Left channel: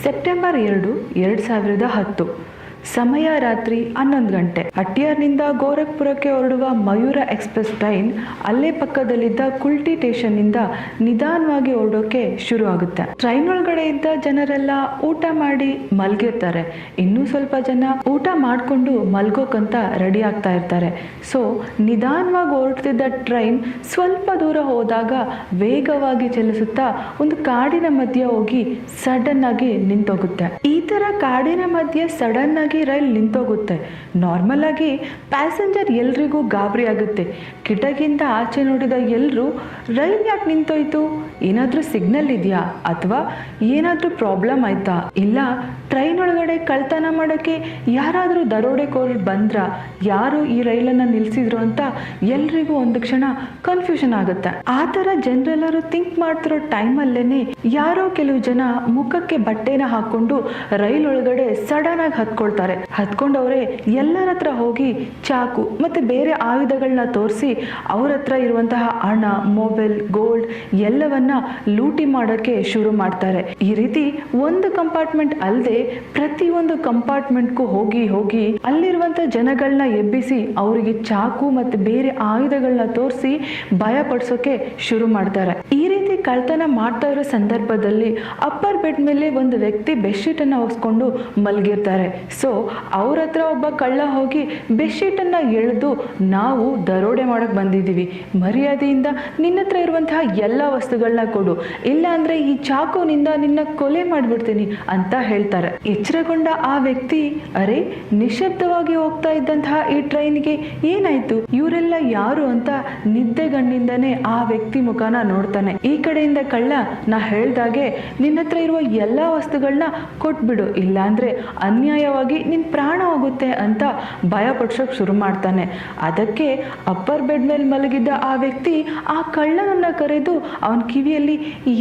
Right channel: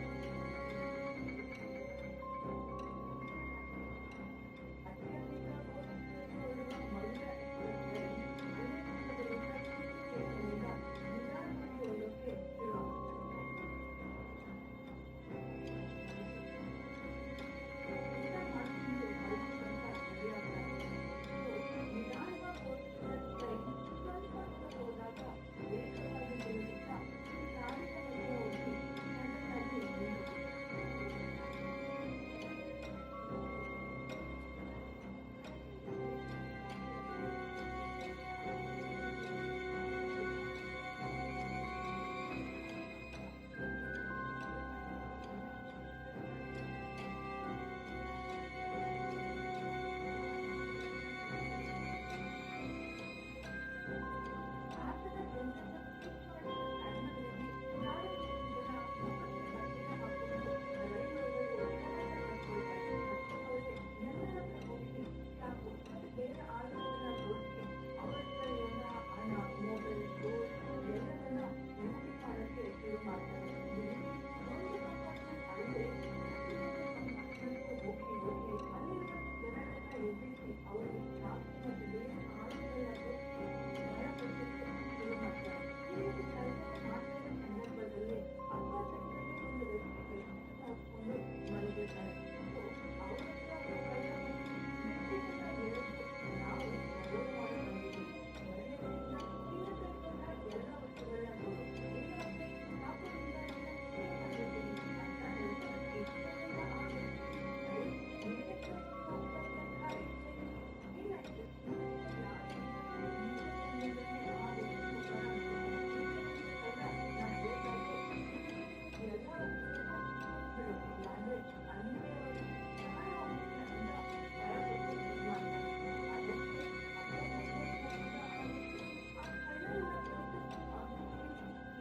September 2, 2010. ಸಮಯ ರಾತ್ರಿ 11 ಗಂಟೆ. ಅಟ್ಟಿಯಾರ್ನಿಂದ ಗೋರಖ್ಪುರಕ್ಕೆ ಹೊರಡುವ ಮಯೂರ ಎಕ್ಸ್ಪ್ರೆಸ್ ಟ್ರೈನ್ ಅಲ್ಲೇ ಪಕ್ಕದಲ್ಲಿದ್ದ ಕುಲ್ಟಿ ಸ್ಟೇಷನ್ನಿಂದ ನಿಧಾನವಾಗಿ ಹೊರಡೋಕೆ ಶುರು ಆಗುತ್ತೆ. ಟ್ರೈನ್ ಒಳಗಡೆ ಇದ್ದ ಜನರೆಲ್ಲ ಊಟ ಮಾಡಿ ಮಲ್ಗಿರ್ತಾರೆ. ಇನ್ನೂ ಸ್ವಲ್ಪ ಜನ ಊಟ ಮಾಡಿಕೊಂಡು ಮಲ್ಗೋಕಂತ ರೆಡಿ ಆಗ್ತಾ ಇರ್ತಾರೆ. ಸೊ ನಿಧಾನವಾಗಿ ಹೊರಡ್ತಿದ್ದ ಟ್ರೈನ್ ಸ್ವಲ್ಪ ದೂರ ಹೋದಾಗ ವೇಗವಾಗಿ ಚಲಿಸುತ್ತಾ ಒಂದು ಕಾಡಿನ ಮಧ್ಯೆ ಹೋಗಿ ಸಡನ್ ಆಗಿ ನಿಂತೋಗುತ್ತೆ. ಈ ತರ ಕಾಡಿನ ಮಧ್ಯೆ ಸಡನ್ ಆಗಿ ರೈಲ್ ನಿಂತೋಗುತ್ತೆ. ನಾರ್ಮಲ್ ಆಗಿ ಪ್ಯಾಸೆಂಜರ್ ಎಲ್ರಿಗೂ ಗಾಬರಿ ಆಗುತ್ತೆ. ಕಿಟಕಿಯಿಂದ ಆಚೆ ನೋಡಿದ ಎಲ್ಲರೂ ರೈಲ್ ಯಾಕೆ ನಿಂತೋಯ್ತು, ಏನಾದರೂ ಸಿಗ್ನಲ್ ಇದೆಯಾ ಅಥವಾ ಏನಾದರೂ ಪ್ರಾಬ್ಲಮ್ ಆಯ್ತಾ, ಇಲ್ಲ ಟ್ರೈನ್ ಒಳಗಡೆ ಕಳ್ತನ ಮಾಡೋಕ್ಕೆ ಯಾರಾದರೂ ದರೋಡೆಕೋರರು ಬಂದ್ರ, ಯಾರು ಈ ರೈಲನ್ನು ನಿಲ್ಲಿಸಿದ್ರು ಅಂತ ಎಲ್ರಿಗೂ ಒಂದು ಕ್ಷಣ ಕನ್ಫ್ಯೂಷನ್ ಆಗುತ್ತೆ. ಆ ಥರ ಜನರೆಲ್ಲರೂ ಥಿಂಕ್ ಮಾಡ್ತಿರೋ ಟೈಮಲ್ಲೇನೆ ಯಾರೋ ಕೆಲವು ಜನ ಮುಖಕ್ಕೆ ಬಟ್ಟೆನ ಹಾಕೊಂಡು ರೈಲ್ ಒಳಗಡೆ ಸಡನ್ ಆಗಿ ಹತ್ಕೊಳ್ತಾರೆ. ಹತ್ಕೊಂಡವ್ರೆ ಎಲ್ಲರ ಹತ್ರ ಹೋಗಿ ಚಾಕು ಮತ್ತೆ ಬೇರೆ ಆಯುಧಗಳನ್ನ ತೋರಿಸಿ ಅವ್ರ ಹತ್ರ ಇರುವಂತಹ ಹಣ, ಮೊಬೈಲ್, ಗೋಲ್ಡ್ ಎಲ್ಲವನ್ನ ಲೂಟಿ ಮಾಡೋಕ್ಕೆ ಶುರು ಮಾಡ್ತಾರೆ. ಈ ರೀತಿ ಒಂದು ಕಂಪಾರ್ಟ್ಮೆಂಟ್ ಅಲ್ಲದೆ ಪ್ರತಿಯೊಂದು ಕಂಪಾರ್ಟ್ಮೆಂಟ್ಗೂ ಹೋಗಿ ಹೋಗಿ ಅಲ್ಲಿರುವಂತ ಜನಗಳನ್ನ ಎಬ್ಬಿಸಿ ಅವರಿಗೆ ಚಾಕು ಮತ್ತೆ ಬೇರೆ ಆಯುಧಗಳನ್ನ ತೋರಿಸಿ ಭಯ ಪಡಿಸೋಕೆ ಶುರು ಮಾಡ್ತಾರೆ. ಈ ರೀತಿ ಕಳ್ತನ ಮಾಡ್ತಾ ಇರೋ ಸಂದರ್ಭದಲ್ಲಿ ಅಪ್ಪರ್ ಬೆಡ್ ಮೇಲೆ ಒಂದು ವ್ಯಕ್ತಿ ಬೆಡ್ಶೀಟ್ ಅನ್ನ ಹೊಸ್ಕೊಂಡು ಮಲಗಿರ್ತಾರೆ. ಸೊ ಅವ್ರ ಹತ್ರ ಒಬ್ಬ ಕಳ್ಳ ಹೋಗಿ ಬೆಡ್ಶೀಟ್ ಅನ್ನ ಎಳೆದು, ನಾವು ದರೋಡೆ ಮಾಡಕ್ ಬಂದಿದ್ದೀವಿ, ಮರ್ಯಾದೆಯಿಂದ ನಿನ್ನ ಹತ್ರ ಇರುವಂತಹ ಎಲ್ಲ ವಸ್ತುಗಳನ್ನ ಕೊಡು, ಇಲ್ಲ ಅಂದ್ರೆ ಈ ಚಾಕುನಿಂದ ನಿನ್ನ ಕೊಲೆ ಮಾಡ್ಬಿಡ್ತೀನಿ ಅಂತ ಹೇಳ್ತಾರೆ. ಎಚ್ಚರಗೊಂಡ ಆ ವ್ಯಕ್ತಿ, ಅರೆ ನಿಶಬ್ದವಾಗಿ ಹೋಗ್ತಾ ಇದ್ದಂತಹ ಈ ಟ್ರೈನ್ಗೆ ಏನಾಯ್ತು, ಇವರೆಲ್ಲ ಯಾರು ಅಂತ ನಿದ್ದೆಗಣ್ಣಿಂದನೇ ಆ ವ್ಯಕ್ತಿ ಮುಖಾನ ನೋಡ್ತಾನೆ. ಈ ಕಡೆಯಿಂದ ಕಳ್ಳ, ನಾ ಹೇಳ್ದಾಗೆ ನಿನ್ನ ಹತ್ರ ಇರುವ ಎಲ್ಲಾ ವಸ್ತುಗಳನ್ನ ಕೊಟ್ಬಿಡು, ಇಲ್ಲ ಅಂದ್ರೆ ಅನ್ಯಾಯವಾಗಿ ನಿನ್ ಪ್ರಾಣ ಹೋಗುತ್ತೆ ಅಂತ ಭಯ ಪಡಿಸೋಕೆ ಶುರು ಮಾಡ್ತಾನೆ. ಅದಕ್ಕೆ ಅಪ್ಪರ್ ಬೆಡ್ ಮೇಲೆ ಮಲಗಿದ್ದ ಆ ವ್ಯಕ್ತಿ ಆ ಕಳ್ಳನನ್ನ ಕರೆದು ಅವನ ಕಿವಿಯಲ್ಲಿ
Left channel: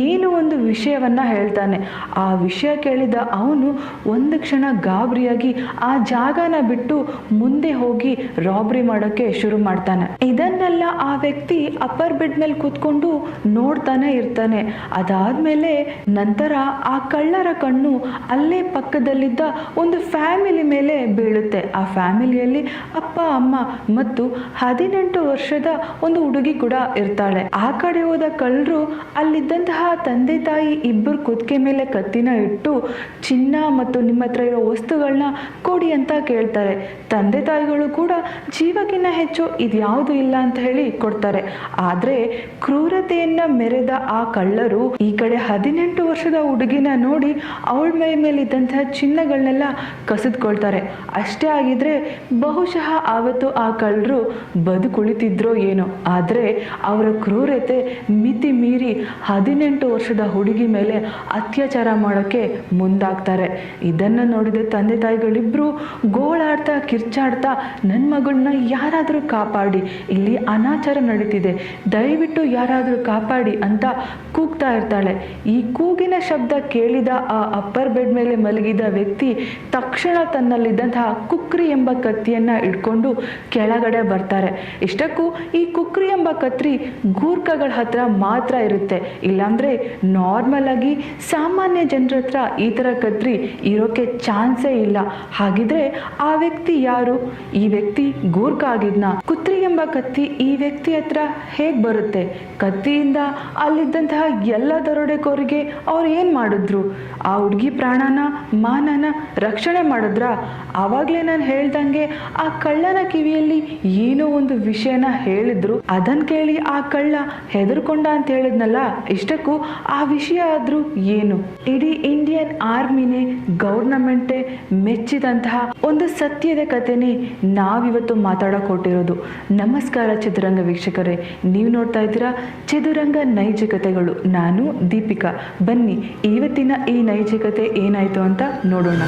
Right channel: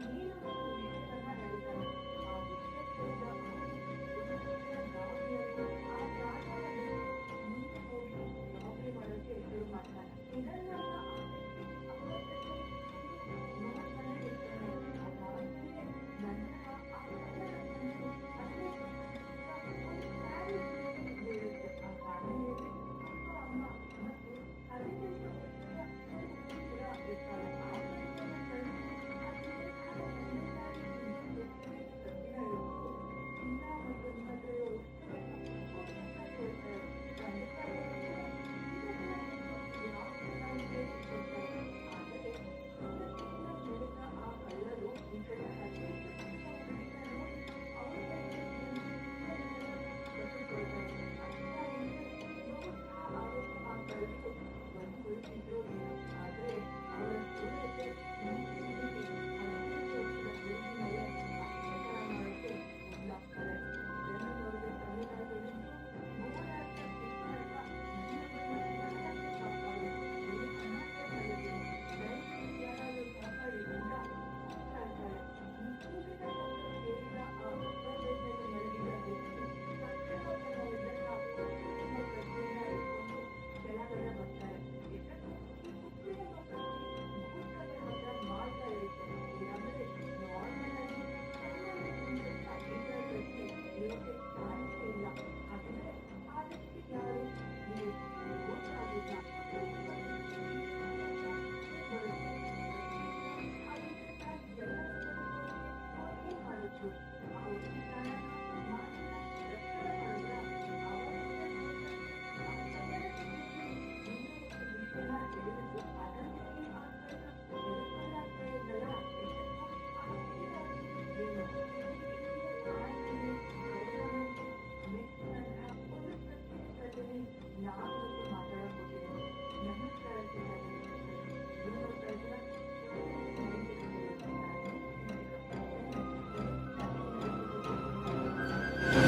ಏನು ಒಂದು ವಿಷಯವನ್ನ ಹೇಳ್ತಾನೆ. ಆ ವಿಷಯ ಕೇಳಿದ ಅವನು ಒಂದು ಕ್ಷಣ ಗಾಬರಿಯಾಗಿ ಆ ಜಾಗನ ಬಿಟ್ಟು ಮುಂದೆ ಹೋಗಿ ರಾಬ್ರಿ ಮಾಡೋಕೆ ಶುರು ಮಾಡ್ತಾನೆ. ಇದನ್ನೆಲ್ಲ ಆ ವ್ಯಕ್ತಿ ಅಪ್ಪರ್ ಬೆಡ್ ಮೇಲೆ ಕೂತ್ಕೊಂಡು ನೋಡ್ತಾನೆ ಇರ್ತಾನೆ. ಅದಾದ್ಮೇಲೆ ನಂತರ ಆ ಕಳ್ಳರ ಕಣ್ಣು ಅಲ್ಲೇ ಪಕ್ಕದಲ್ಲಿದ್ದ ಒಂದು ಫ್ಯಾಮಿಲಿ ಮೇಲೆ ಬೀಳುತ್ತೆ. ಆ ಫ್ಯಾಮಿಲಿಯಲ್ಲಿ ಅಪ್ಪ, ಅಮ್ಮ ಮತ್ತು 18 ವರ್ಷದ ಒಂದು ಹುಡುಗಿ ಕೂಡ ಇರ್ತಾಳೆ. ಆ ಕಡೆ ಹೋದ ಕಳ್ಳರು ಅಲ್ಲಿದ್ದಂತಹ ತಂದೆ ತಾಯಿ ಇಬ್ಬರು ಕುತ್ತಿಗೆ ಮೇಲೆ ಕತ್ತಿನ ಇಟ್ಟು ಚಿನ್ನ ಮತ್ತು ನಿಮ್ಮ ಹತ್ರ ಇರೋ ವಸ್ತುಗಳನ್ನ ಕೊಡಿ ಅಂತ ಕೇಳ್ತಾರೆ. ತಂದೆ ತಾಯಿಗಳು ಕೂಡ ಜೀವಕ್ಕಿಂತ ಹೆಚ್ಚು ಇದ್ಯಾವುದು ಇಲ್ಲ ಅಂತ ಹೇಳಿ ಕೊಡ್ತಾರೆ. ಆದ್ರೆ ಕ್ರೂರತೆಯನ್ನ ಮೆರೆದ ಆ ಕಳ್ಳರು ಈ ಕಡೆ 18 ವರ್ಷದ ಹುಡುಗಿನ ನೋಡಿ ಅವಳ ಮೈ ಮೇಲಿದ್ದಂತಹ ಚಿನ್ನಗಳನ್ನೆಲ್ಲ ಕಸಿದ್ಕೊಳ್ತಾರೆ. ಅಷ್ಟೇ ಆಗಿದ್ರೆ ಬಹುಶಃ ಆವತ್ತು ಆ ಕಳ್ಳರು ಬದುಕುಳಿತಿದ್ರೋ ಏನೋ. ಆದ್ರೆ ಅವರ ಕ್ರೂರತೆ ಮಿತಿ ಮೀರಿ 18 ವರ್ಷದ ಹುಡುಗಿ ಮೇಲೆ ಅತ್ಯಾಚಾರ ಮಾಡೋಕ್ಕೆ ಮುಂದಾಗ್ತಾರೆ. ಇದನ್ನು ನೋಡಿದ ತಂದೆ ತಾಯಿಗಳಿಬ್ರು ಗೋಳಾಡ್ತಾ ಕಿರ್ಚಾಡ್ತಾ, ನನ್ನ ಮಗಳನ್ನ ಯಾರಾದರೂ ಕಾಪಾಡಿ, ಇಲ್ಲಿ ಅನಾಚಾರ ನಡೀತಿದೆ, ದಯವಿಟ್ಟು ಯಾರಾದರೂ ಕಾಪಾಡಿ ಅಂತ ಕೂಗ್ತಾ ಇರ್ತಾಳೆ. ಈ ಕೂಗಿನ ಶಬ್ದ ಕೇಳಿದ ಆ ಅಪ್ಪರ್ ಬೆಡ್ ಮೇಲೆ ಮಲಗಿದ ವ್ಯಕ್ತಿ ತಕ್ಷಣ ತನ್ನಲ್ಲಿದ್ದಂತಹ ಕುಕ್ರಿ ಎಂಬ ಕತ್ತಿಯನ್ನ ಇಟ್ಕೊಂಡು ಕೆಳಗಡೆ ಬರ್ತಾರೆ. ಇಷ್ಟಕ್ಕೂ ಈ ಕುಕ್ರಿ ಎಂಬ ಕತ್ರಿ ಗೂರ್ಖಗಳ ಹತ್ರ ಮಾತ್ರ ಇರುತ್ತೆ, ಇಲ್ಲಾಂದ್ರೆ ನಾರ್ಮಲ್ ಆಗಿ ಸಾಮಾನ್ಯ ಜನರ ಹತ್ರ ಈ ತರ ಕತ್ರಿ ಇರೋಕೆ ಚಾನ್ಸೇ ಇಲ್ಲ. ಹಾಗಿದ್ರೆ ಆ ವ್ಯಕ್ತಿ ಯಾರು? ಈ ವ್ಯಕ್ತಿ ಗೂರ್ಖ ಆಗಿದ್ನ? ಕುತ್ರಿ ಎಂಬ ಕತ್ತಿ ಈ ವ್ಯಕ್ತಿ ಹತ್ರ ಹೇಗ್ ಬರುತ್ತೆ? ಕತ್ತಿಯಿಂದ ಅಲ್ಲಿದ್ದಂತಹ ಎಲ್ಲ ದರೋಡೆಕೋರಿಗೆ ಅವ್ರು ಏನ್ ಮಾಡಿದ್ರು? ಆ ಹುಡುಗಿ ಪ್ರಾಣನ ಮಾನನ ರಕ್ಷಣೆ ಮಾಡಿದ್ರ? ಆವಾಗ್ಲೇ ನಾನು ಹೇಳ್ದಂಗೆ ಆ ಕಳ್ಳನ ಕಿವಿಯಲ್ಲಿ ಏನೋ ಒಂದು ವಿಷಯನ ಹೇಳಿದ್ರು. ಅದನ್ನ ಕೇಳಿ ಆ ಕಳ್ಳ ಹೆದರ್ಕೊಂಡ ಅಂತ ಹೇಳಿದ್ನಲ್ಲ, ಇಷ್ಟಕ್ಕೂ ಆ ವಿಷಯ ಆದ್ರೂ ಏನು? ಇಡೀ ಇಂಡಿಯನ್ ಆರ್ಮಿನೇ ಗೌರ್ನಮೆಂಟೇ ಮೆಚ್ಚಿದಂತಹ ಒಂದು ಸತ್ಯದ ಕಥೆನೇ ನಾವಿವತ್ತು ಮಾತಾಡಕ್ ಹೊರಟಿರೋದು. ನಮಸ್ಕಾರ ಚದುರಂಗ ವೀಕ್ಷಕರೇ, ನೀವು ನೋಡ್ತಾ ಇದ್ದೀರಾ ಚದುರಂಗ ನೈಜ ಕಥೆಗಳು. ನಾನು ದೀಪಿಕಾ. ಬನ್ನಿ ಇವತ್ತಿನ ಈ ನೈಜ ಕಥೆ ಏನಾಯ್ತು ಅಂತ ನೋಡೋಣ.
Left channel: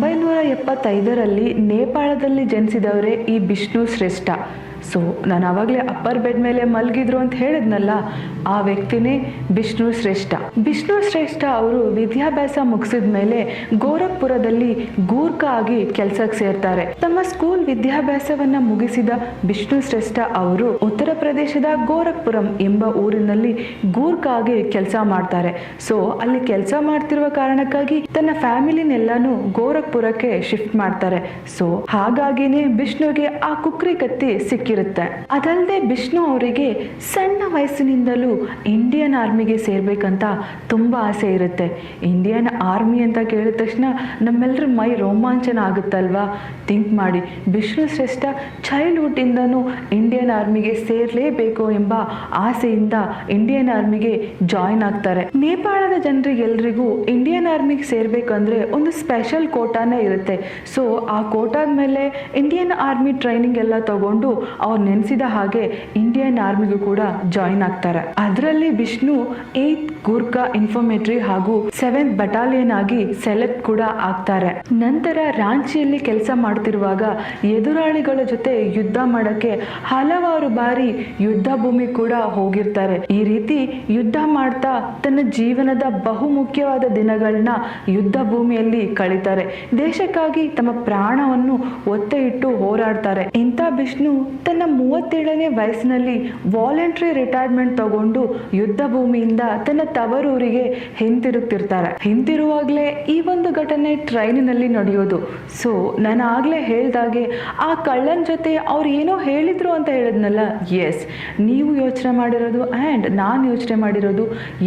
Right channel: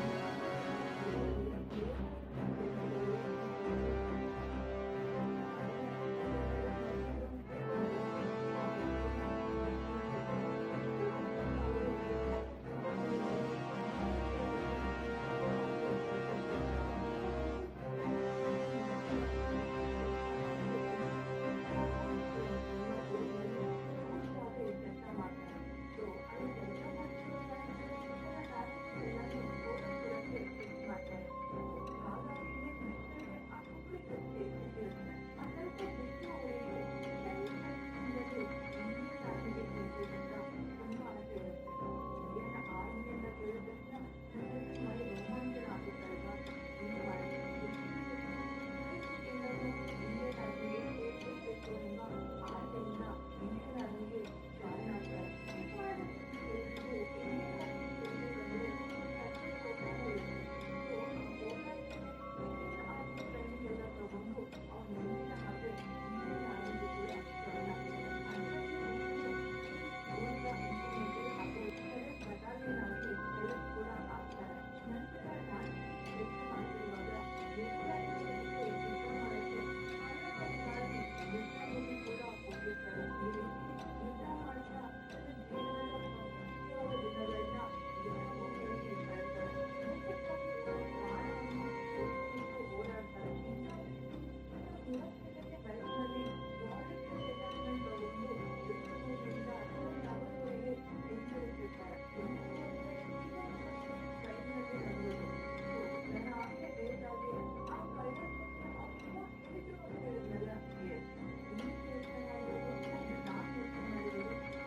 1975ರಲ್ಲಿ ನೇಪಾಳದಲ್ಲಿ ಜನಿಸಿದವರೇ ಈ ಬಿಷ್ಣು ಶ್ರೇಷ್ಠ. ಸೊ ನಾನು ಆವಾಗಲೇ ಅಪ್ಪರ್ ಬೆಡ್ ಮೇಲೆ ಮಲಗಿದ್ರು ಅಂತ ಹೇಳಿದ್ನಲ್ಲ, ಆ ವ್ಯಕ್ತಿನೇ ಬಿಷ್ಣು ಶ್ರೇಷ್ಠ. ಬಿಷ್ಣು ಶ್ರೇಷ್ಠ ಅವರು ವಿದ್ಯಾಭ್ಯಾಸ ಮುಗಿಸಿದ ಮೇಲೆ ಗೋರಖ್ಪುರದಲ್ಲಿ ಗೂರ್ಖಾ ಆಗಿ ಕೆಲಸಕ್ಕೆ ಸೇರ್ತಾರೆ. ತಮ್ಮ ಸ್ಕೂಲ್ ವಿದ್ಯಾಭ್ಯಾಸವನ್ನ ಮುಗಿಸಿದ ಬಿಷ್ಣು ಶ್ರೇಷ್ಠ ಅವರು ಉತ್ತರ ಪ್ರದೇಶದ ಗೋರಖ್ಪುರಂ ಎಂಬ ಊರಿನಲ್ಲಿ ಗೂರ್ಖಾ ಆಗಿ ಕೆಲಸ ಮಾಡ್ತಾರೆ. ಸೊ ಅಲ್ಲಿ ಕೆಲಸ ಮಾಡ್ತಿರುವ ಕಾರಣಕ್ಕಾಗಿ ತನ್ನ ಫ್ಯಾಮಿಲಿನೆಲ್ಲಾನು ಗೋರಖ್ಪುರಕ್ಕೆ ಶಿಫ್ಟ್ ಮಾಡ್ತಾರೆ. ಸೊ ಹಾಗಾಗಿನೇ ಬಿಷ್ಣುಗೆ ಆ ಕುಕ್ರಿ ಕತ್ತಿ ಸಿಕ್ಕಿರುತ್ತೆ. ಅದಲ್ಲದೆ ಬಿಷ್ಣು ಅವರಿಗೆ ಸಣ್ಣ ವಯಸ್ಸಿನಿಂದಲೂ ಇಂಡಿಯನ್ ಆರ್ಮಿಗೆ ಸೇರ್ಬೇಕಂತ ತುಂಬಾ ಆಸೆ ಇರುತ್ತೆ. ಇಂಡಿಯನ್ ಆರ್ಮಿ ಅಂತ ಕೇಳಿದ ತಕ್ಷಣ ನಮ್ಮೆಲ್ಲರ ಮೈ ರೋಮಾಂಚನ ಆಗುತ್ತಲ್ವಾ? ಥಿಂಕ್ ಮಾಡಿ, ವಿಷ್ಣು ಶ್ರೇಷ್ಠ ಚೈಲ್ಡ್ಹುಡ್ ಇಂದನೂ ಇಂಡಿಯನ್ ಆರ್ಮಿಗೆ ಸೇರ್ಲೇಬೇಕು ಎಂಬ ಆಸೆಯಿಂದ ಇಂಡಿಯನ್ ಆರ್ಮಿಗೆ ಜಾಯಿನ್ ಆಗ್ತಾರೆ. ನೇಪಾಳದ ಜನರಿಗೆಲ್ರಿಗೂ ಇಂಡಿಯನ್ ಆರ್ಮಿಗೆ ಸೇರ್ಬೇಕಂದ್ರೆ ಒಂದು ಸ್ಪೆಷಲ್ ಕೋಟಾನೇ ಇರುತ್ತೆ. ಸೊ ಆ ಕೋಟಾದ ಮೇಲೆ ಇಂಡಿಯನ್ ಆರ್ಮಿ ಟ್ರೈನಿಂಗ್ ಎಲ್ಲ ತಗೊಂಡು ಅವ್ರು ನೆನೆಸಿದ ಹಾಗೆ ಇಂಡಿಯನ್ ಆರ್ಮಿಗೂ ಕೂಡ ಜಾಯಿನ್ ಆಗ್ತಾರೆ. ಅದರಲ್ಲಿ ವಿಷ್ಣು 8th ಗೂರ್ಖಾ ಇನ್ಫಾರ್ಮೇಟರಿ ಹಾಗೂ 7th ಬಟಾಲಿಯನ್ ಆಗಿ ಸೆಲೆಕ್ಟ್ ಕೂಡ ಆಗ್ತಾರೆ. ನಂತರ ರಾಂಚಿಯಲ್ಲಿ ಕೆಲಸ ಮಾಡ್ತಿರುವಾಗ ಎದುರಾಳಿಗಳ ಜೊತೆ ಯುದ್ಧ ಮಾಡಕ್ಕೆ ಹಲವಾರು ಬಾರಿ ಯುದ್ಧ ಭೂಮಿ ಕೂಡ ಹೋಗಿರ್ತಾರೆ. ಈ ರೀತಿ ಯುದ್ಧ ಮಾಡ್ತಾ ತನ್ನ ಜೀವನದ ಬಹುಮುಖ್ಯವಾದ ದಿನಗಳನ್ನ ಯುದ್ಧ ಭೂಮಿಯಲ್ಲಿ ಕಳೀತಾರೆ. ದೇಶಕ್ಕಾಗಿ ತಮ್ಮ ಪ್ರಾಣವನ್ನು ಒತ್ತೆ ಇಟ್ಟು ಹೋರಾಡ್ತಾರೆ. ಇಂಥ ವಿಷ್ಣು ತನ್ನ 37ನೇ ವಯಸ್ಸಿನಲ್ಲಿ ವಾಲಂಟರಿ ರಿಟೈರ್ಮೆಂಟ್ ತಗೊಂಡು ಯುದ್ಧ ಭೂಮಿಯಿಂದ ತನ್ನ ತವರೂರಿಗೆ ಹಿಂತಿರುಗ್ತಿರ್ತಾರೆ. ಹಿಂತಿರುವಾಗಲೇ ಈ ಒಂದು ಘಟನೆ ಟ್ರೈನಿನಲ್ಲಿ ನಡೆಯೋದು. ಸೊ ನಾನು ಆಗ್ಲೇ ಹೇಳ್ದಾಗೆ ಆ ಕಳ್ಳನ ಜೊತೆ ಅವ್ರು ಏನೋ ಹೇಳಿದ್ರು ಅಂತ ಹೇಳಿದ್ನಲ್ಲ, ಎಸ್, ನೀವು ಯೋಚನೆ ಮಾಡಿರೋದು ಆ್ಯಂಡ್ ನಾನು ಯೋಚನೆ ಮಾಡಿರೋದು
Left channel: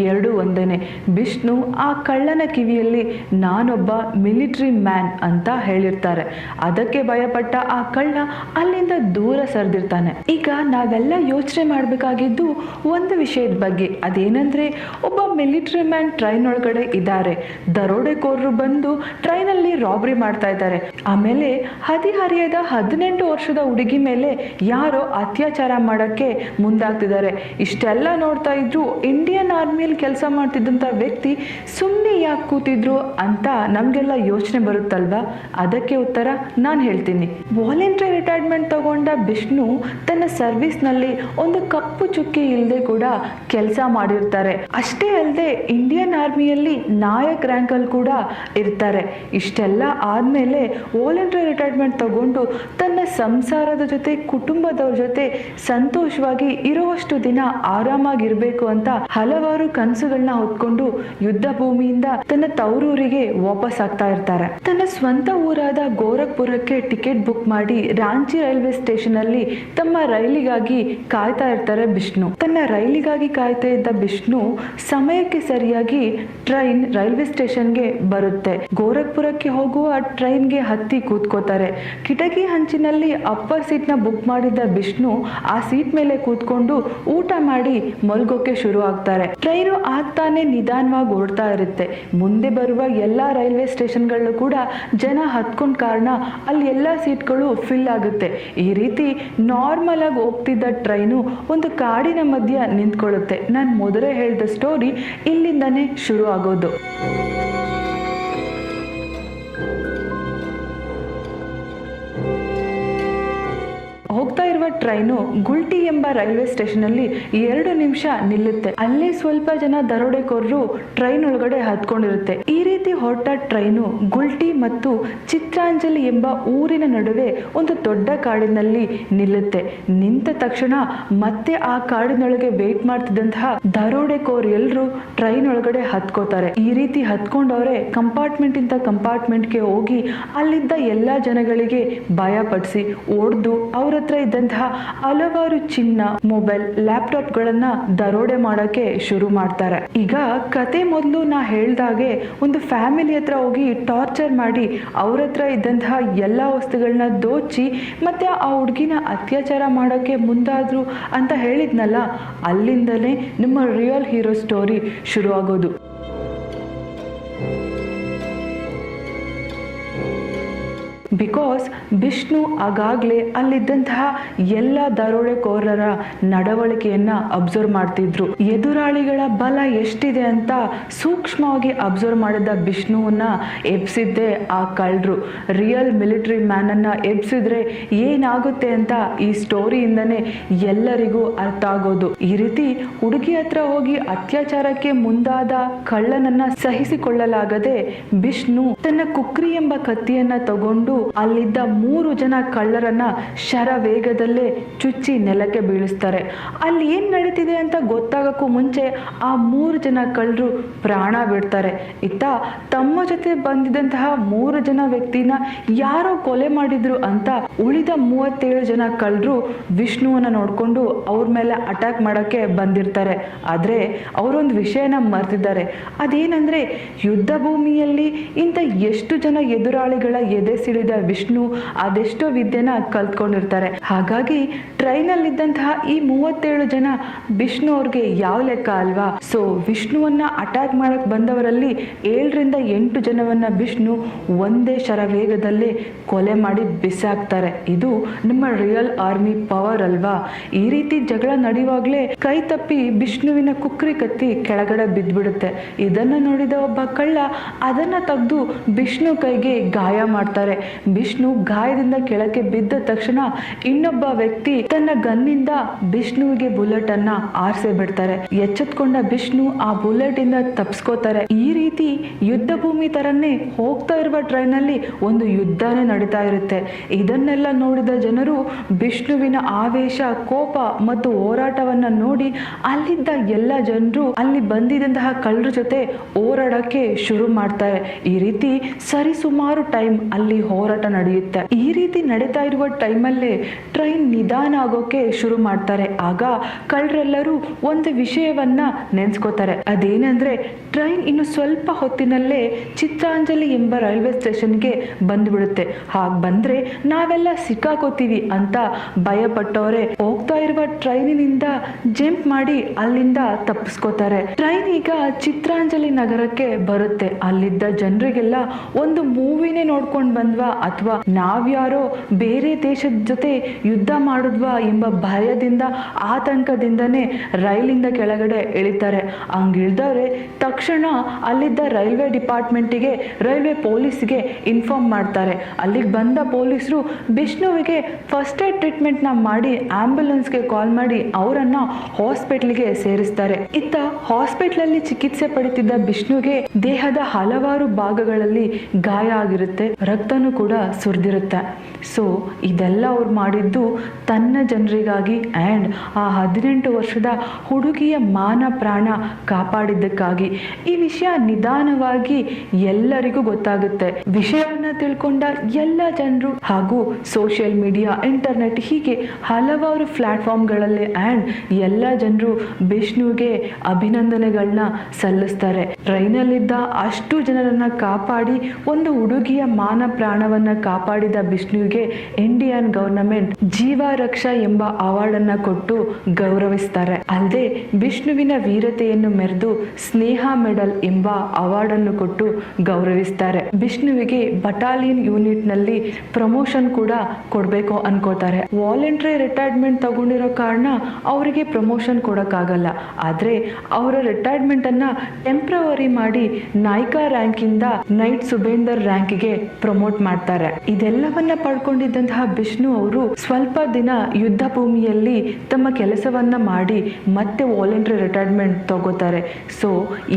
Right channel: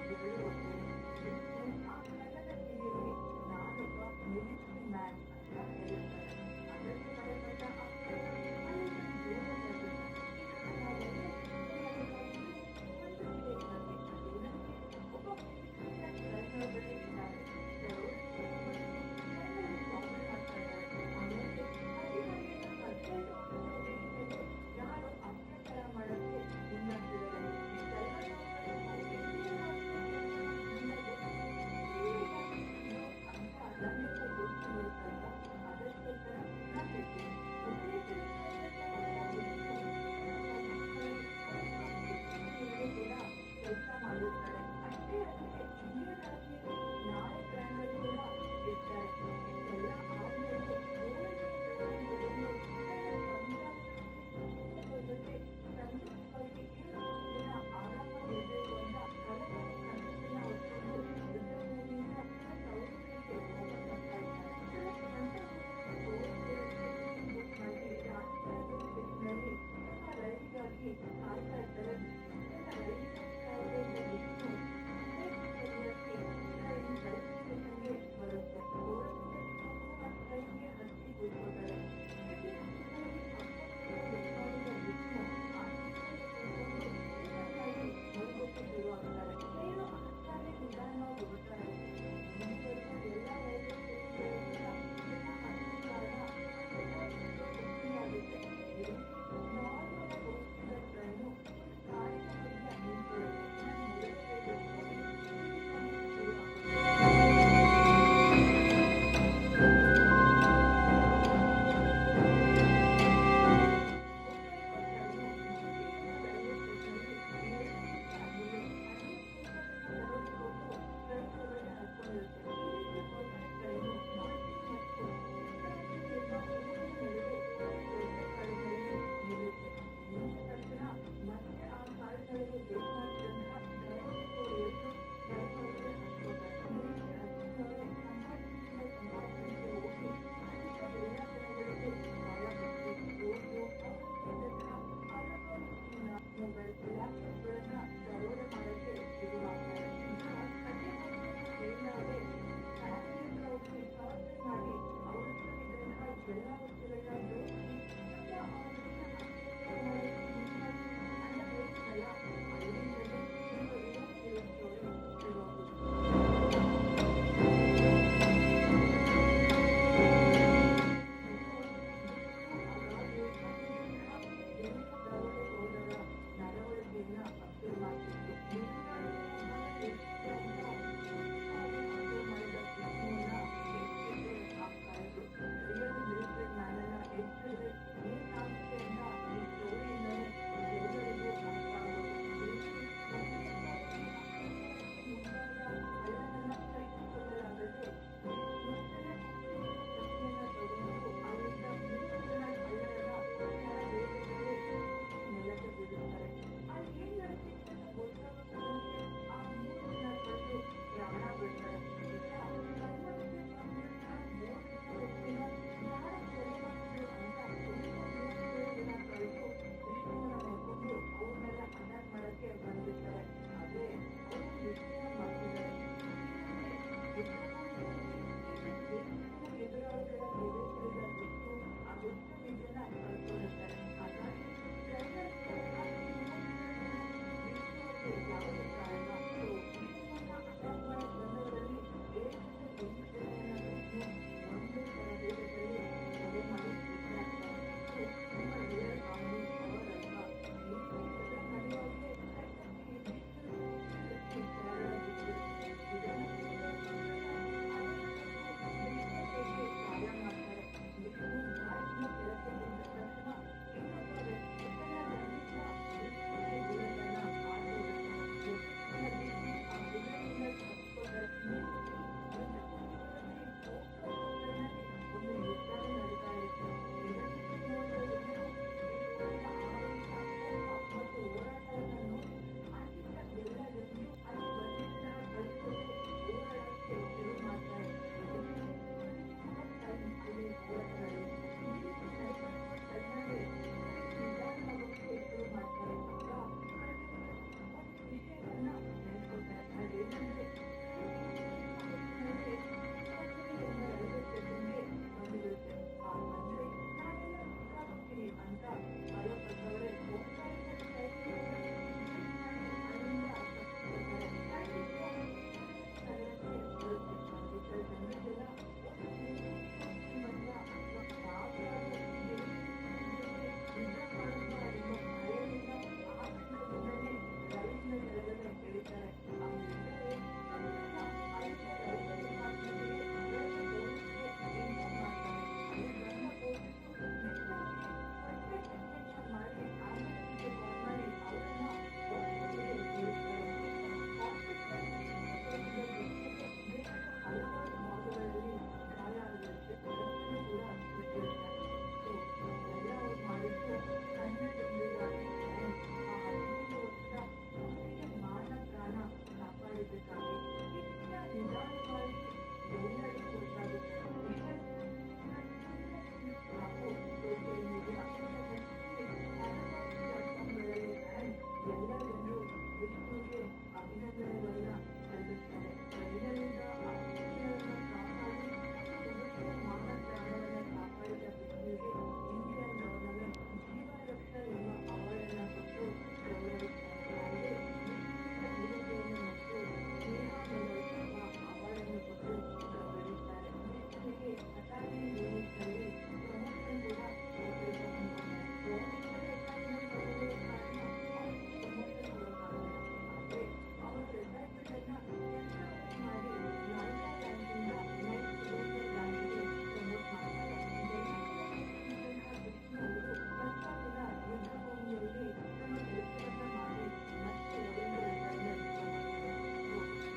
ಎರಡೂ ಒಂದೇನೆ. ವಿಷ್ಣು ಆ ಕಳ್ಳನ ಕಿವಿಯಲ್ಲಿ ನಾನೊಬ್ಬ ಮಿಲಿಟರಿ ಮ್ಯಾನ್ ಅಂತ ಹೇಳಿರ್ತಾರೆ. ಅದಕ್ಕೆ ಭಯಪಟ್ಟ ಆ ಕಳ್ಳ ಅಲ್ಲಿಂದ ದೂರ ಸರಿದಿರ್ತಾನೆ. ಈಗ ನಾವೆಲ್ಲ ಯೋಚನೆ ಮಾಡಬೇಕಾಗಿದ್ದು ಒಂದು ವಿಷಯದ ಬಗ್ಗೆ. ಅದೇನಂದ್ರೆ, ಒಬ್ಬ ಮಿಲಿಟರಿ ಮ್ಯಾನ್ ಟ್ರೈನ್ ಒಳಗಡೆ ಇದ್ದಾರೆ, ದರೋಡೆಕೋರರು ಬಂದು ಟ್ರೈನಲ್ಲಿ ರಾಬರಿ ಮಾಡ್ತಾ ಇದ್ದಾರೆ. ಆಮೇಲೆ ಹದಿಹರಿಯದ 18 ವರ್ಷದ ಹುಡುಗಿ ಮೇಲೆ ಯಾರೋ ಅತ್ಯಾಚಾರ ಮಾಡಕ್ಕೆ ಮುಂದಾಗ್ತಿದ್ದಾರೆ. ಇಷ್ಟೆಲ್ಲ ನೋಡ್ತಾ ಇದ್ರು ಇಂಡಿಯನ್ ಆರ್ಮಿಯಲ್ಲಿ ಕೆಲಸ ಮಾಡ್ತಿದ್ದಂಥ ವ್ಯಕ್ತಿ ಸುಮ್ಮನೆ ಯಾಕೆ ಕೂತಿದ್ರು ಅಂತ ನಮಗೆಲ್ಲ ಯೋಚನೆ ಬರುತ್ತಲ್ವಾ? ಅದಕ್ಕೆ ಉತ್ತರ ನಾನು ಹೇಳ್ತೀನಿ. ವಾಲಂಟರಿ ರಿಟೈರ್ಮೆಂಟ್ ತಗೊಂಡ ವಿಷ್ಣು ತನ್ನ ಸರ್ವಿಸ್ನಲ್ಲಿ ಒಂದು ಕಪ್ಪು ಚುಕ್ಕಿ ಇಲ್ಲದೆ ಕೂಡ ಕೆಲಸ ಮಾಡಿರ್ತಾರೆ. ಅಷ್ಟೇ ಅಲ್ಲದೆ ಇಂಡಿಯನ್ ಆರ್ಮಿಯಲ್ಲಿ ನಾಯಕ್ ರ್ಯಾಂಕಲ್ಲಿ ಕೂಡ ಇರ್ತಾರೆ. ಇಷ್ಟೆಲ್ಲ ಆದಮೇಲೆ ವಾಲಂಟರಿ ರಿಟೈರ್ಮೆಂಟ್ ತಗೊಂಡು ತನ್ನ ಸಂಸಾರದ ಜೊತೆ ಕುಟುಂಬದವ್ರ ಜೊತೆ ಸಂತೋಷವಾಗಿ ಇರುವಷ್ಟು ದಿನ ಆರಾಮಾಗಿರ್ಬೇಕು ಅಂತ ಹಲವಾರು ಕನಸುಗಳನ್ನ ಹೊತ್ಕೊಂಡು ಯುದ್ಧ ಭೂಮಿಯಿಂದ ತನ್ನ ತವರೂರಿಗೆ ವಾಪಸ್ ಆಗ್ತಾ ಇರ್ತಾರೆ. ತನ್ನ ಸ್ವಂತ ಊರಾದ ಗೋರಖ್ಪುರಕ್ಕೆ ಟಿಕೆಟ್ ಬುಕ್ ಮಾಡಿ ರಾಂಚಿ ರೈಲ್ವೆ ಸ್ಟೇಷನ್ ಅಲ್ಲಿ ತಮ್ಮ ರೈಲಿಗಾಗಿ ಕಾಯ್ತಾ ಇರ್ತಾರೆ ವಿಷ್ಣು. ತನ್ನ ರೈಲಿಗಾಗಿ ಕಾಯ್ತಾ ಇದ್ದ ವಿಷ್ಣು ಸಮಯಕ್ಕೆ ಸರಿಯಾಗಿ ಟ್ರೈನ್ ರೈಲ್ವೆ ಸ್ಟೇಷನ್ಗೆ ಬರುತ್ತೆ. ಗೋರಖ್ಪುರಕ್ಕೆ ಹೋಗುವ ಟ್ರೈನ್ಗೆ ಹತ್ತಿ ಕೂತ್ಕೋತಾರೆ. ಕಿಟಕಿ ಹಂಚಿನಲ್ಲಿ ಅಪ್ಪರ್ ಸೀಟ್ನ ಬುಕ್ ಮಾಡಿದ್ದ ವಿಷ್ಣು ಆ ಸೀಟ್ ಮೇಲೆ ಕೂತ್ಕೊಂಡು ಊಟ ಮಾಡಿ ಮಲ್ಗೋಕೆ ಶುರು ಆಗ್ತಾರೆ. ಟ್ರೈನು ಆಗ್ತಾನೆ ನಿಧಾನವಾಗಿ ಓಡ್ತಾ ಇರುತ್ತೆ. ಮುಂದೆ ಬರುವ ಎಲ್ಲಾ ರೈಲ್ವೆ ಸ್ಟೇಷನ್ಗಳು ಕೂಡ ಜನ ಹತ್ಕೊಂಡ ಕಾರಣ ಅಲ್ಲಿ ಎಲ್ಲಾ ಸೀಟ್ಗಳು ಫಿಲ್ ಆಗುತ್ತೆ. ಈ ರೀತಿ ನಾರ್ಮಲ್ ಆಗಿ ಹೋಗ್ತಿದ್ದ ಟ್ರೈನು ಒಂದು ಕಾಡಿನ ಮಧ್ಯ ನಿಂತ್ಕೊಳ್ಳುತ್ತೆ. ನಾನು ಮೊದಲೇ ಹೇಳಿದ ಸ್ಟೋರಿ ಇಲ್ಲಿಂದನೇ ಶುರು ಆಗೋದು. ಹೋಗ್ತಾ ಇರುವ ಟ್ರೈನು ಗುಲ್ಟಿ ಎಂಬ ರೈಲ್ವೆ ಸ್ಟೇಷನ್ ಅಲ್ಲಿ 2 ನಿಮಿಷ ನಿಲ್ಲುತ್ತೆ. ಅಲ್ಲಿ ಸ್ವಲ್ಪ ಜನ ದರೋಡೆಕೋರರು ಟ್ರೈನ್ ಒಳಗಡೆ ಹತ್ಕೊಂಡಿರುತ್ತೆ. ಈ ರೀತಿ ಹೊರಟ ಟ್ರೈನು ಗುಲ್ಟಿ ಮತ್ತು ಚಿತ್ರಾಂಜಲಿ ಎಂಬ ಊರಿನ ನಡುವೆ ಒಂದು ದೊಡ್ಡ ಕಾಡಿನಲ್ಲಿ ನಿಲ್ಲುತ್ತೆ. ನಿಂತ ತಕ್ಷಣ ಮತ್ತೆ ಆ ಕಾಡಿನೊಳಗೆ ವೇಟ್ ಮಾಡ್ತಿದ್ದಂತಹ ದರೋಡೆಕೋರ್ ಎಲ್ಲರೂ ಟ್ರೈನ್ ಒಳಗಡೆ ಹತ್ಕೋತಾರೆ. ಈ ರೀತಿ ಹತ್ಕೊಂಡವ್ರೆ ಕಂಪಾರ್ಟ್ಮೆಂಟ್ ಇಂದ ಕಂಪಾರ್ಟ್ಮೆಂಟ್ಗೆ ಹೋಗಿ ಅಲ್ಲಿದ್ದ ಎಲ್ಲಾ ಜನಗಳಿಗೆ ಭಯ ಪಡಿಸಿ ಹೊಡೆದು ಅವ್ರ ಹತ್ರ ಇದ್ದಂತಹ ಹಲವಾರು ಚಿನ್ನ, ಮೊಬೈಲ್, ಲ್ಯಾಪ್ಟಾಪ್ ಗಳನ್ನ ದರೋಡೆ ಮಾಡಕ್ಕೆ ಶುರು ಮಾಡ್ತಾರೆ. ಈಗ ಕತೆ ಮೊದಲು ನಾ ಹೇಳ್ದಾಗೆ ಒಂದು ಫ್ಯಾಮಿಲಿ ಹತ್ರ ಹೋಗಿ ಟಾರ್ಚರ್ ಮಾಡಿ ಅವ್ರ ಹತ್ರ ಇದ್ದಂತಹ ಎಲ್ಲಾ ವಸ್ತುಗಳನ್ನ ದೋಚಿ ಮತ್ತೆ ಆ ಹುಡುಗಿನ ಅತ್ಯಾಚಾರ ಮಾಡಕ್ಕೆ ಮುಂದಾದ್ರು ಅಂತ ಹೇಳಿದ್ನಲ್ಲ, ಅಲ್ಲಿಂದಲೇ ನಮ್ಮ ರಿಯಲ್ ಹೀರೋ ಸ್ಟೋರಿ ಶುರು ಆಗೋದು. ಬಿಕಾಸ್ ವಿಷ್ಣು ಆಗಾಗಲೇ ಅಲ್ಲಿದ್ದಂತಹ ಎಲ್ಲ ದರೋಡೆಕೋರರ ನಡವಳಿಕೆಯನ್ನ ಅಬ್ಸರ್ವ್ ಮಾಡ್ತಿದ್ರು. ಎದುರಾಳಿಗಳ ಬಲ ಎಷ್ಟಿದೆ ಅಂತ ಸೂಕ್ಷ್ಮವಾಗಿ ಅಬ್ಸರ್ವ್ ಮಾಡಿದ ವಿಷ್ಣುವನ್ನ ಎಬ್ಸಿದ್ದೆ ಆ ಕಳ್ಳರು. ರಿಯಲ್ ಮಿಲಿಟರಿ ಮ್ಯಾನ್ ಅನ್ನ ಎಬ್ಸಿದ್ರೆ ಏನಾಗುತ್ತೆ ಅಂತ ಈ ಸ್ಟೋರಿಯಿಂದನೇ ಎಲ್ಲರಿಗೂ ಅರ್ಥ ಆಗೋದು. ಈ ರೀತಿ ಹುಡುಗಿ ಹತ್ರ ಹೋಗಿ ಅತ್ಯಾಚಾರಕ್ಕೆ ಮುಂದಾದ ಕಳ್ಳನನ್ನ ಸಹಿಸಿಕೊಳ್ಳಲಾಗದೆ ವಿಷ್ಣು ತನ್ನ ಕುಕ್ರಿ ಎಂಬ ಕತ್ತಿಯನ್ನ ತಗೊಂಡು ಅಲ್ಲಿದ್ದ 3 ಜನ ಕಳ್ಳರನ್ನ ಶರವೇಗದಲ್ಲೇ ಚುಚ್ಚಿ ನೆಲಕ್ಕೆ ಬೀಳಿಸ್ತಾರೆ. ಅಲ್ಲಿ ಏನ್ ನಡೀತಿದೆ ಅಂತ ಗೊತ್ತಾಗಕ್ಕೂ ಮುಂಚೆ ಆ 3 ಜನ ಕಳ್ಳರು ಪ್ರಾಣ ಬಿಡ್ತಾರೆ. ಇತ್ತ ತಮ್ಮ ಜೊತೆ ಬಂದಿದ್ದಂತಹ 3 ಜನ ವ್ಯಕ್ತಿನ ಯಾರೋ ಕೊಲೆ ಮಾಡಿದ್ರು ಅಂತ ಉಳಿದ 37 ಜನ ಕಳ್ಳರು ವಿಷ್ಣುವನ್ನ ನೋಡ್ಕೊಂಡು ಅವ್ರ ಮೇಲೆ ಅಟ್ಯಾಕ್ ಮಾಡಕ್ಕೆ ಬಂದಿರ್ತಾರೆ. ಆದ್ರೆ ಅವರೊಂದು ವಿಷಯನ ಮರ್ತಿದ್ದಾರೆ. ಅದೇನಂದ್ರೆ ಯುದ್ಧ ಭೂಮಿಯಲ್ಲಿ ಇಂಥ ಎಷ್ಟು ಜನ ಎದುರಾಳಿಗಳ ಎದೆ ಸಿಡಿದ ವಿಷ್ಣು ಅದೆಷ್ಟೋ ವಿದ್ಯೆನ ಕಲ್ತ್ಕೊಂಡಿರ್ತಾರೆ. ಹಾಗಾಗಿ ಟ್ರೈನಲ್ಲಿದ್ದಂತಹ ಈ 37 ಜನ ವಿಷ್ಣು ಅವ್ರಿಗೆ ಯಾವ ಲೆಕ್ಕ ಅಲ್ವಾ. ಸೊ ವಿಷ್ಣುವನ್ನ ಅಟ್ಯಾಕ್ ಮಾಡಕ್ ಬಂದವರಲ್ಲಿ 7 ರಿಂದ 8 ಜನವನ್ನ ವಿಷ್ಣು ಒಂದೇ ಶರವೇಗದಲ್ಲೇ ಕೊಲೆ ಮಾಡಿ ಬಿಸಾಕ್ತಾರೆ. ಇದು ನಮ್ಮ ರಿಯಲ್ ಆರ್ಮಿ ಪವರ್ ಅಲ್ವಾ. ಈ ರೀತಿ ಜಗಳ ನಡೆಯುವಾಗ್ಲೇ ಕೈ ತಪ್ಪಿ ವಿಷ್ಣುವಿನ ಕುಕ್ರಿ ಕತ್ತಿ ಕೆಳಗಡೆ ಬಿದ್ದ್ಬಿಡುತ್ತೆ. ಇದನ್ನ ನೋಡಿದ ಒಬ್ಬ ಕಳ್ಳ ಅದನ್ನ ತೆಗೆದು ವಿಷ್ಣು ಕೈಗೆ ಗಾಯ ಮಾಡ್ತಾರೆ. ವಿಷ್ಣು ಗಾಯದಿಂದ ಕೆಳಕ್ಕೆ ಬಿದ್ದ ತಕ್ಷಣ ಇನ್ನೊಬ್ಬ ವ್ಯಕ್ತಿ ತನ್ನ ಗನ್ನಿಂದ ವಿಷ್ಣುವಿಗೆ ಬುಲೆಟ್ ಅನ್ನ ಆರಿಸೇ ಬಿಡ್ತಾರೆ. ಎಚ್ಚೆತ್ಕೊಂಡ ವಿಷ್ಣು ಆ ಬುಲೆಟ್ ಇಂದ ತಪ್ಪಿಸ್ಕೋತಾರೆ. ಈ ರೀತಿ ಯುದ್ಧ ಭೂಮಿ ತರನೇ ಹೋಗ್ತಾ ಇರುವ ಟ್ರೈನ್ ಅಲ್ಲಿ ಒಂದು ಯುದ್ಧನೇ ನಡೀತಾ ಇರುತ್ತೆ. ಇದನ್ನೆಲ್ಲ ನೋಡಿದ ಜನರು ವಿಷ್ಣುವಿನ ಆವೇಶ, ಕೋಪ ಮತ್ತು ಹೋರಾಟವನ್ನ ನೋಡಿ ಅಲ್ಲಿದ್ದ ಎಲ್ಲ ಜನರು ಅಲ್ಲಿ ಬಂದಿದ್ದಂತಹ ಕಳ್ಳರ ಜೊತೆ ಹೋರಾಡಕ್ಕೆ ಶುರು ಮಾಡ್ತಾರೆ. ಈ ರೀತಿ ಸರಿಸುಮಾರು ಟೈಮ್ ಅಲ್ಲಿ ಹೋರಾಟ ನಡೆಯುತ್ತೆ. ಈ ರೀತಿ ನಡೀತಾ ಇರುವ ಟೈಮಲ್ಲೇ ಟ್ರೈನ್ ನಿಧಾನ ಆಗೋಕೆ ಶುರು ಮಾಡ್ತಾರೆ. ಆಗ ಕಳ್ಳರೆಲ್ಲರೂ ಒಂದು ವಿಷಯವನ್ನ ನೆನ್ಸ್ಕೋತಾರೆ. ಅದೇನಂದ್ರೆ ಟ್ರೈನ್ ಇನ್ನು ಸ್ವಲ್ಪ ಹೊತ್ತಿನಲ್ಲೇ ಚಿತ್ರಾಂಜಲಿ ಎಂಬ ರೈಲ್ವೆ ಸ್ಟೇಷನ್ಗೆ ಬಂದ್ಬಿಡುತ್ತೆ. ಹಾಗೆ ಬಂದ್ರೆ ನಾವೆಲ್ಲ ಸಿಕ್ಕಾಕೋತೀವಿ ಅಂತ ಭಯಪಟ್ಟವರೇ ಹೋಗ್ತಾ ಇರುವ ಟ್ರೈನಿನಿಂದ ಜಂಪ್ ಮಾಡಿ ಅಲ್ಲಿಂದ ತಪ್ಪಿಸ್ಕೋತಾರೆ. ಟ್ರೈನ್ ಈಗ ಚಿತ್ರಾಂಜಲಿ ನಗರಕ್ಕೆ ಬರುತ್ತೆ. ಅಲ್ಲಿದ್ದ ಜನರಿಗೆಲ್ಲ ಒಂದು ಮೂವಿನೇ ನೋಡ್ಕೊಂಡು ಬಂದ್ವಾ ಅಥವಾ ನಾವ್ಯಾರೋ ಬೇರೆ ದೇಶದ ಜೊತೆ ಯುದ್ಧ ಮಾಡಿದ್ವಾ ಎಂಬ ಭಯದಿಂದ ಆತಂಕದಿಂದನೇ ರೈಲಿಂದ ಕೆಳಗಡೆ ಇಳಿತಾರೆ. ಹಂಗಿಳ್ದವ್ರೆ ತಕ್ಷಣ ಅಲ್ಲಿದ್ದ ರೈಲ್ವೆ ಡಿಪಾರ್ಟ್ಮೆಂಟಿಗೆ, ರೈಲ್ವೆ ಪೊಲೀಸ್ಗೆ ಇನ್ಫಾರ್ಮ್ ಮಾಡ್ತಾರೆ. ಅಲ್ಲಿಗೆ ಬಂದ ಪೊಲೀಸರು ವಿಷ್ಣುವಿಗೆ ಫಸ್ಟ್ ಏಡ್ ಟ್ರೀಟ್ಮೆಂಟ್ ನ ಮಾಡಿ ಆಂಬ್ಯುಲೆನ್ಸ್ಗೆ ಕಾಲ್ ಮಾಡಿ ಅವರನ್ನ ಹಾಸ್ಪಿಟಲ್ಗೆ ಸೇರಿಸ್ತಾರೆ. ಇತ್ತ ಹಾಸ್ಪಿಟಲ್ ಅಲ್ಲಿ ಚಿಕಿತ್ಸೆ ಪಡಿತಿದ್ದ ವಿಷ್ಣುಗೆ ದೇಹದ ಹಲವಾರು ಭಾಗಗಳಲ್ಲಿ ಗಾಯ ಆಗಿರುತ್ತೆ, ರಕ್ತನೂ ಕೂಡ ಸುರಿದಿರುತ್ತೆ. ಸೊ ಇದೆಲ್ಲ ಅವ್ರು ಮಾಡಿದ್ದು ತನ್ನ ಜನರಿಗಾಗಿ ಆ್ಯಂಡ್ ಆ 18 ವರ್ಷದ ಹುಡುಗಿಯ ಮಾನ ಪ್ರಾಣ ಕಾಪಾಡಿದ್ದಕ್ಕಾಗಿ. ಈ ವಿಷಯ ನಿಧಾನವಾಗಿ ಎಲ್ಲರಿಗೂ ಗೊತ್ತಾಗುತ್ತೆ. ವಿಷಯವನ್ನ ತಿಳ್ಕೊಂಡ ಎಲ್ಲ ಜನರು ಹಾಗೂ ಸೋಷಿಯಲ್ ಮೀಡಿಯಾ, ಇಂಟರ್ನೆಟ್ ಹೀಗೆ ಹಲವಾರು ಪ್ಲಾಟ್ಫಾರ್ಮ್ಗಳಲ್ಲಿ ಆ್ಯಂಡ್ ಎಲ್ಲ ಜನರು ವಿಷ್ಣುಗೆ ಅಭಿನಂದನೆಗಳನ್ನ ಸಲ್ಲಿಸ್ತಾರೆ. ಟ್ರೈನಲ್ಲಿದ್ದ ಅಷ್ಟು ಜನರನ್ನ ಕಾಪಾಡಿ ಒಂದು ಹುಡುಗಿಯ ಮಾನ ಪ್ರಾಣವನ್ನ ಕಾಪಾಡಿದ ವಿಷ್ಣುವಿಗೆ ಇಂಡಿಯನ್ ಗವರ್ನಮೆಂಟ್ ಜೀವ ರಕ್ಷಾ ಎಂಬ ಅವಾರ್ಡ್ ಅನ್ನ ಕೊಟ್ಟು ಗೌರವಿಸ್ತಾರೆ. ಅಲ್ಲದೆ ವಿಷ್ಣುವಿನ ವೀರತೆಯನ್ನು ಮೆರೆದು ಸ್ನೇಹ ಮೆಡಲ್ ಎಂಬ ಅವಾರ್ಡ್ ಅನ್ನು ಕೊಟ್ಟು ಗೌರವಿಸ್ತಾರೆ. ವಿಷ್ಣುವಿಗೆ ಬಟಾಲಿಯನ್ ಯೂನಿಟ್ ನಲ್ಲಿ ಪ್ರಮೋಷನ್ ಕೂಡ ಕೊಡ್ಬೇಕು ಅನ್ಕೋತಾರೆ. ವಾಲಂಟರಿ ರಿಟೈರ್ಮೆಂಟ್ ತಗೊಂಡಿರೋ ಕಾರಣ ಅವರಿಗೆ ಪ್ರಮೋಷನ್ ಕೊಡಕ್ಕಾಗಲ್ಲ. ಆದ್ರೆ ಅವರ ರಿಟೈರ್ಮೆಂಟ್ ಅನ್ನ ಟೆಂಪ್ರವರಿ ಮಾಡಿ ನಾಯ್ಕಾ ರ್ಯಾಂಕ್ ಇಂದ ನೈಟ್ ಸುಬೇಂದರ್ ರ್ಯಾಂಕ್ಗೆ ಪ್ರಮೋಟ್ ಮಾಡ್ತಾರೆ. ಇದೆಲ್ಲವನ್ನ ಪಡ್ಕೊಂಡಿದ್ದಂತಹ ವಿಷ್ಣು ಅವರು ಸ್ವಲ್ಪ ದಿನ ಯುದ್ಧ ಭೂಮಿಯಲ್ಲಿ ತಮ್ಮ ಕೆಲಸವನ್ನ ಮಾಡಿ ಮತ್ತೆ ವಾಲಂಟರಿ ರಿಟೈರ್ಮೆಂಟ್ ತಗೋತಾರೆ. ಸೊ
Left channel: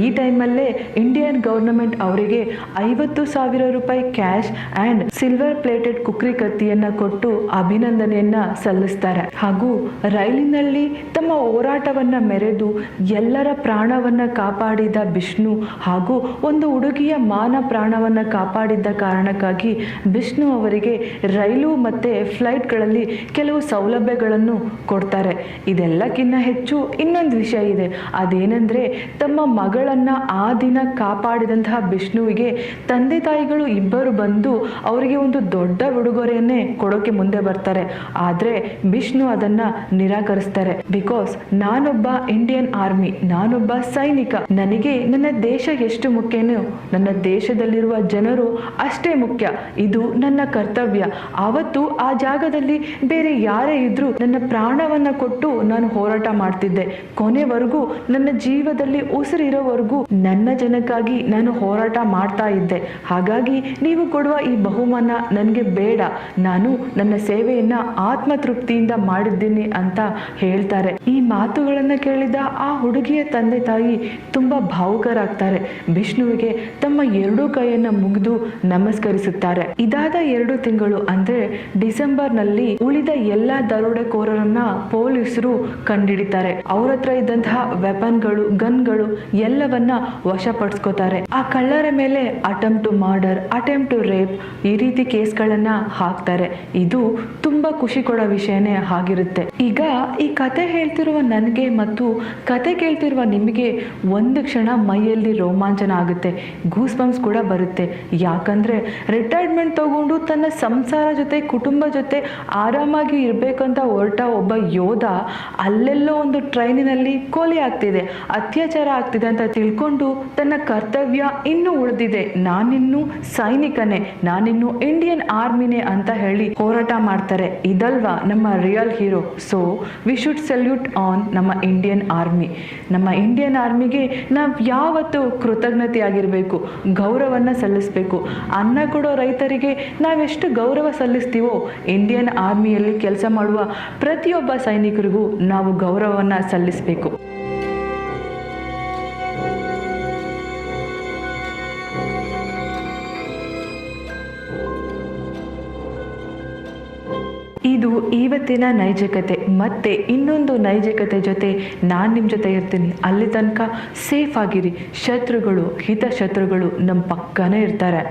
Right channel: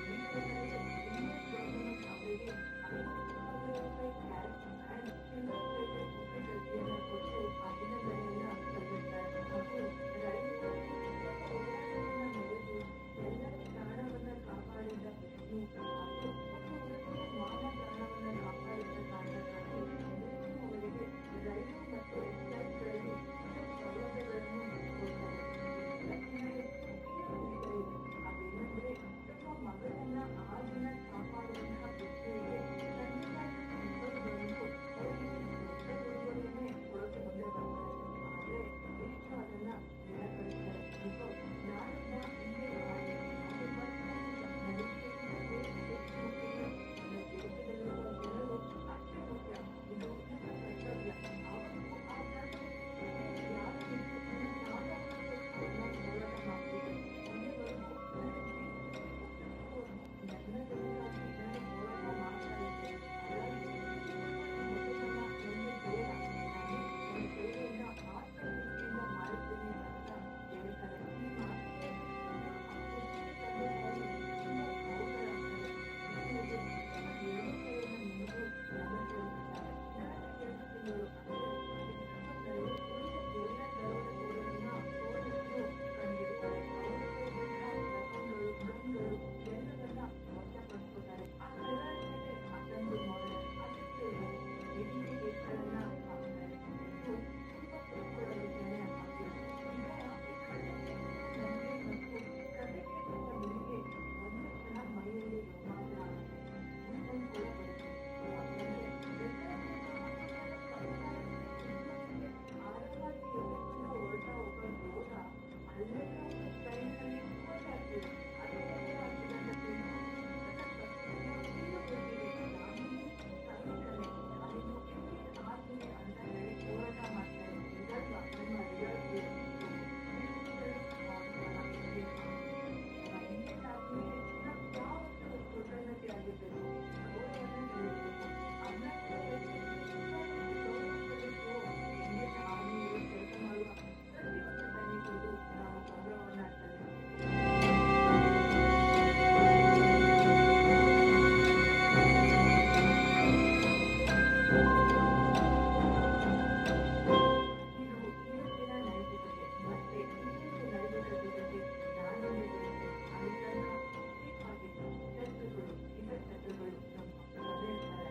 ಈ ಟೈಮಲ್ಲೇ ಇಂಡಿಯನ್ ಗವರ್ನಮೆಂಟ್ ಅವರಿಗೆ 50,000 ರೂಪಾಯಿ cash and silver plated Khukri ಕತ್ತಿಯನ್ನ ಕೊಟ್ಟು ಅಭಿನಂದನೆಯನ್ನ ಸಲ್ಲಿಸ್ತಾರೆ. ಹಾಗೂ ರೈಲಿನಲ್ಲಿ ತಮ್ಮ ಹೋರಾಟವನ್ನ ಮೆರೆದು ಎಲ್ಲರ ಪ್ರಾಣವನ್ನ ಕಾಪಾಡಿದ ವಿಷ್ಣು ಹಾಗೂ ಒಂದು ಹುಡುಗಿಯ ಮಾನ ಪ್ರಾಣವನ್ನ ಕಾಪಾಡಿದ್ದ ಕಾರಣಕ್ಕಾಗಿ ವಿಷ್ಣು ಅವರಿಗೆ ರೈಲು ಮತ್ತೆ ಫ್ಲೈಟ್ಗಳಲ್ಲಿ ಕೆಲವು ಸೌಲಭ್ಯಗಳನ್ನು ಕೊಡ್ತಾರೆ. ಇದೆಲ್ಲಕ್ಕಿಂತ ಹೆಚ್ಚು ಇನ್ನೊಂದು ವಿಷಯ ಇದೆ. ಅದೇನೆಂದ್ರೆ ತಮ್ಮ ಮಗಳನ್ನ ಆ ದಿನ ಕಾಪಾಡಿದಂತಹ ವಿಷ್ಣುವಿಗೆ ತಂದೆ ತಾಯಿಗಳು ಇಬ್ಬರು ಬಂದು ಅವರಿಗೆ ಒಂದು ದೊಡ್ಡ ಉಡುಗೊರೆಯನ್ನೇ ಕೊಡೋಕೆ ಮುಂದೆ ಬರ್ತಾರೆ. ಆದ್ರೆ ವಿಷ್ಣು ಅದನ್ನ ನಿರಾಕರಿಸ್ತಾರೆ. ಬಿಕಾಸ್ ನಾನೊಬ್ಬ ಇಂಡಿಯನ್ ಆರ್ಮಿ, ನಾನೊಬ್ಬ ಸೈನಿಕ, ನನಗೆ ನನ್ನ ದೇಶ ಎಷ್ಟು ಮುಖ್ಯನೋ ನನ್ನ ದೇಶದಲ್ಲಿರುವ ಜನರು ಅಷ್ಟೇ ಮುಖ್ಯ, ಇದು ನನ್ನ ಕರ್ತವ್ಯ. ಆವತ್ತು ಆ ಜಾಗದಲ್ಲಿ ಬೇರೆ ಯಾರೇ ಇದ್ರೂ ನನ್ನ ಪ್ರಾಣವನ್ನ ಕೊಟ್ಟು ನಾನು ಹೋರಾಟ ಮಾಡ್ತಿದ್ದೆ. ಕೊನೆವರೆಗೂ ನನ್ನ ಜೀವದಲ್ಲಿ ಉಸಿರಿರೋವರೆಗೂ ನನ್ನ ಜನಕ್ಕಾಗಿ ನಾನು ಹೋರಾಟ ಮಾಡ್ತಾ ಇದ್ದೆ. ಹಾಗಾಗಿ ನೀವು ಕೊಡುವ ಈ ಬಹುಮಾನ ನನಗೆ ಬೇಡ, ನಾನು ನನ್ನ ಸೇವೆಯನ್ನ ಆತ್ಮತೃಪ್ತಿಯಿಂದ ಮಾಡಿದ್ದೀನಿ ಅಂತ ಹೇಳ್ತಾರೆ. ಈ ಮಾತುಗಳನ್ನ ಕೇಳಿದ ಆ ಹುಡುಗಿಯ ತಂದೆ ತಾಯಿ ತುಂಬಾ ಭಾವುಕರಾಗ್ತಾರೆ. ವಿಷ್ಣುವಿಗೆ ತಮ್ಮ ಎರಡೂ ಕೈಯನ್ನ ಮುಗಿದು ನಮಸ್ಕರಿಸುತ್ತಾರೆ. ಇದಾದ 2 ತಿಂಗಳು ಅಂದ್ರೆ ಡಿಸೆಂಬರ್ನಲ್ಲಿ ಉಳಿದ ಎಲ್ಲ ದರೋಡೆಕೋರರನ್ನ ಪೊಲೀಸರು ಕಂಡಿಡಿತಾರೆ. ಅವ್ರ ಹತ್ರ ಇದ್ದಂತಹ ವೆಪನ್ಗಳು, ಗನ್ಗಳು ಎಲ್ಲವನ್ನ ವಶಪಡಿಸ್ಕೋತಾರೆ. ಆ ಕಳ್ಳರ ಮೇಲೆ attempt to murder, attempt to rape ಈ ರೀತಿ ಕೇಸ್ಗಳನ್ನ ಹಾಕ್ತಾರೆ. ಇದು ತುಂಬಾ ಖುಷಿ ಕೊಡೋ ವಿಷಯನೇ ಆಗಿರುತ್ತೆ. ಈಗ ಈ ಕತೆ ಹೇಳ್ತಿರುವ ನನಗೆ ಮತ್ತು ಕತೆ ಕೇಳ್ತಿರುವ ನಿಮಗೆ ಒಂದು ಕ್ಷಣ ಮೈಯಲ್ಲಿ ರೋಮಾಂಚನ ಆಗುತ್ತೆ, ಗೂಸ್ ಬಂಪ್ಸ್ ಕೂಡ ಬರುತ್ತೆ. ಯಾಕಂದ್ರೆ ರಿಟೈರ್ಮೆಂಟ್ ತಗೊಂಡು ತನ್ನ ಸಂಸಾರ ಜೊತೆ, ಕುಟುಂಬ ಜೊತೆ ಆರಾಮಾಗಿ ಇರ್ಬೇಕಂತ ಹೊರಟ ಒಬ್ಬ ಯೋಧ ಅಲ್ಲೆಲ್ಲೋ ಒಂದು ಟ್ರೈನಿನಲ್ಲಿ ಕೊಲೆ ಆಗ್ತಿದೆ, ಅತ್ಯಾಚಾರ ಆಗ್ತಿದೆ ಅಂತ ತಿಳ್ಕೊಂಡು ತನ್ನ ಕರ್ತವ್ಯ ಇನ್ನೂ ಉಳಿದಿದೆ, ನಾನಿನ್ನು ಸೈನಿಕನೇ, ನಾನಿನ್ನು ಇಂಡಿಯನ್ ಆರ್ಮಿನೇ ಅಂತ ಹೇಳಿ ಹೋರಾಟ ಮಾಡ್ತಾರೆ. ಇದಲ್ವಾ ನಮ್ಮ real hero. So we should salute on ನಮ್ಮ ಇಂಡಿಯನ್ ಆರ್ಮಿ. ನಮ್ಮ ಇಂಡಿಯನ್ ಆರ್ಮಿಗೆ ನಾವು ಯಾವತ್ತೂ ಕೃತಜ್ಞತೆ ಆಗಿರಬೇಕು, ಗೌರವನ್ನ ಸಲ್ಲಿಸಬೇಕು. ಅನ್ನ ಕೊಡೋ ರೈತರಿಗೆ ನಾವೆಷ್ಟು ಗೌರವ ಸಲ್ಲಿಸ್ತೀವೋ ಇಂಡಿಯನ್ ಆರ್ಮಿಯಲ್ಲಿ ಕೆಲಸ ಮಾಡುವ ಪ್ರತಿಯೊಬ್ಬ ಸೈನಿಕರಿಗೂ ನಾವು ಗೌರವವನ್ನ ಸಲ್ಲಿಸಬೇಕು. ಇದು ಇವತ್ತಿನ ನೈಜ ಕತೆ. ಮತ್ತೆ ಇನ್ನೊಂದು ನೈಜ ಕತೆ ಜೊತೆ ನಾನು ನಿಮ್ಮ ಜೊತೆ ಇರ್ತೀನಿ. ಅಲ್ಲಿ ತನಕ ಸೇಫ್ ಆಗಿರಿ. ಶತ್ರುಗಳು, ಹಿತಶತ್ರುಗಳು ನಮ್ಮ ಪಕ್ಕನೇ ಇರ್ತಾರೆ.